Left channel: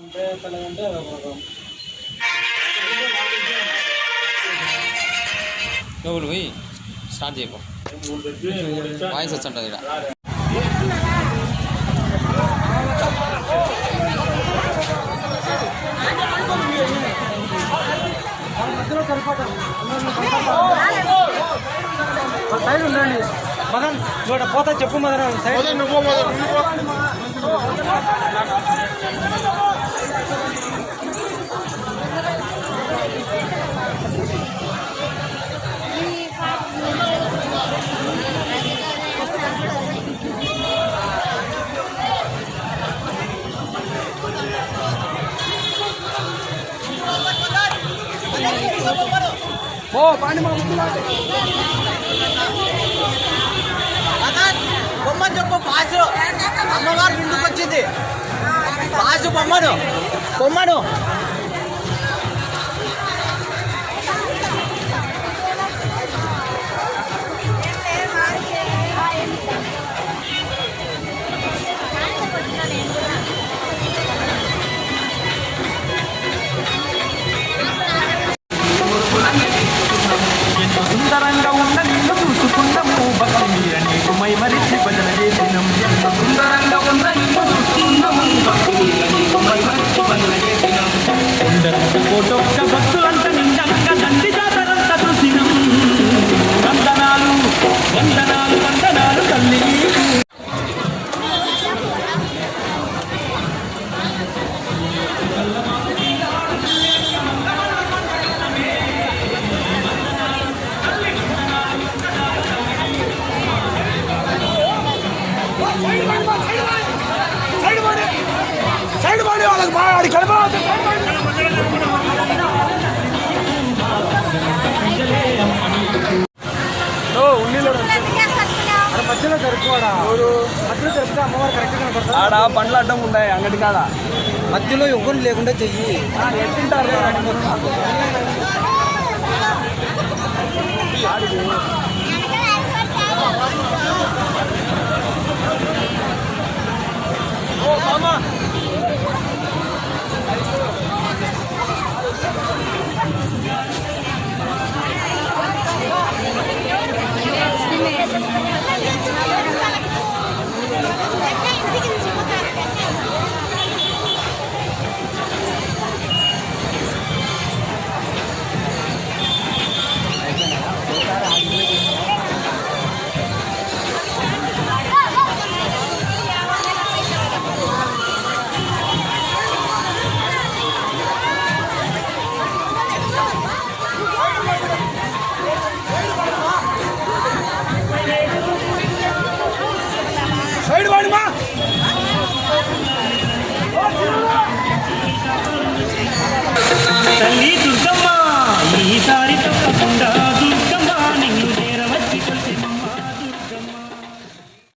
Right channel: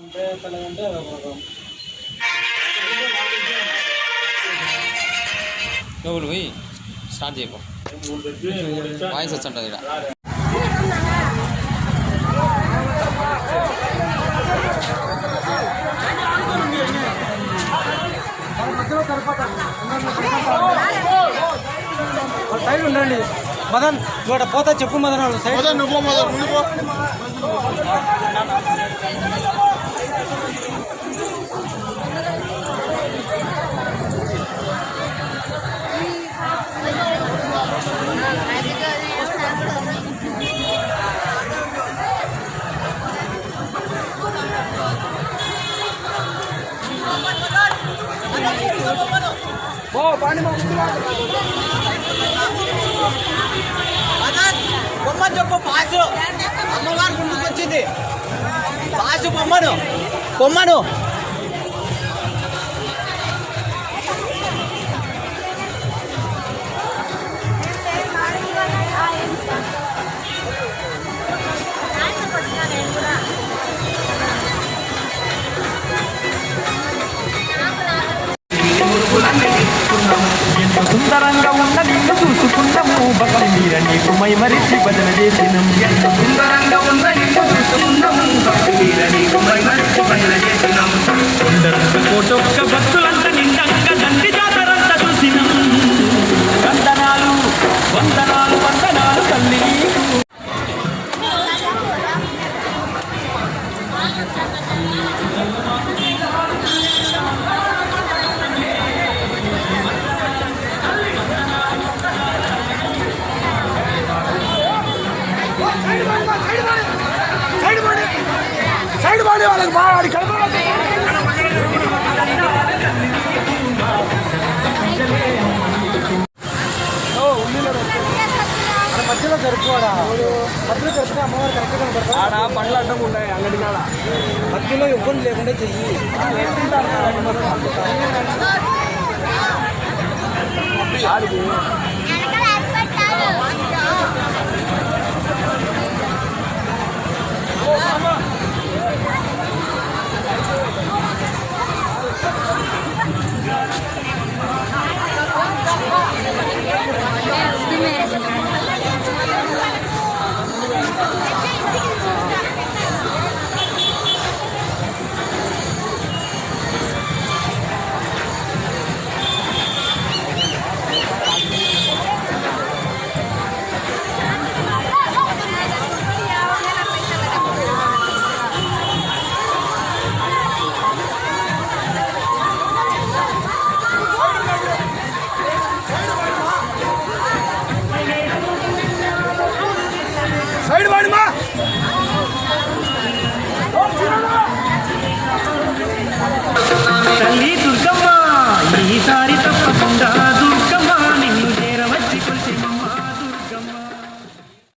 అంటే పోయి? స్టార్ట్ చేయకు. వాయిస్ వచ్చంటది ఇక్కడ. మధ్యలో సరిపడ సైడ్ ఉండండి మదన్ ఇక్కడ పోతా చెప్పు Madan side బొమ్మను చెప్పు పాసు అమ్మవారు ముందుకు వచ్చింది పాసు పొమ్మను పొమ్మను సుందరంగా ఉన్న నిన్ను చూసుకుందాము బలం నీకు మై మరిచి బదల చేసినం. ఎంత సుందరంగా ఉన్న నిన్ను చూసుకుందాము. సుందరంగా కోటొక్క భక్తులంత నిండంగా దండి వందనాలు వందనాలు వందనాలు తల్లి. సైడ్ పడి వాళ్ళకి బాగా మధ్యలో జరుపుకోడా? మధ్యలో జరిపితే అమ్మవారు కరెక్ట్ కనపడతా పండ్లు అడ్డం ఉన్నాయి అంగడి కాడ. మధ్యలో ఎవరు లేకుండా చెయ్యి. సైడ్ వాడి మా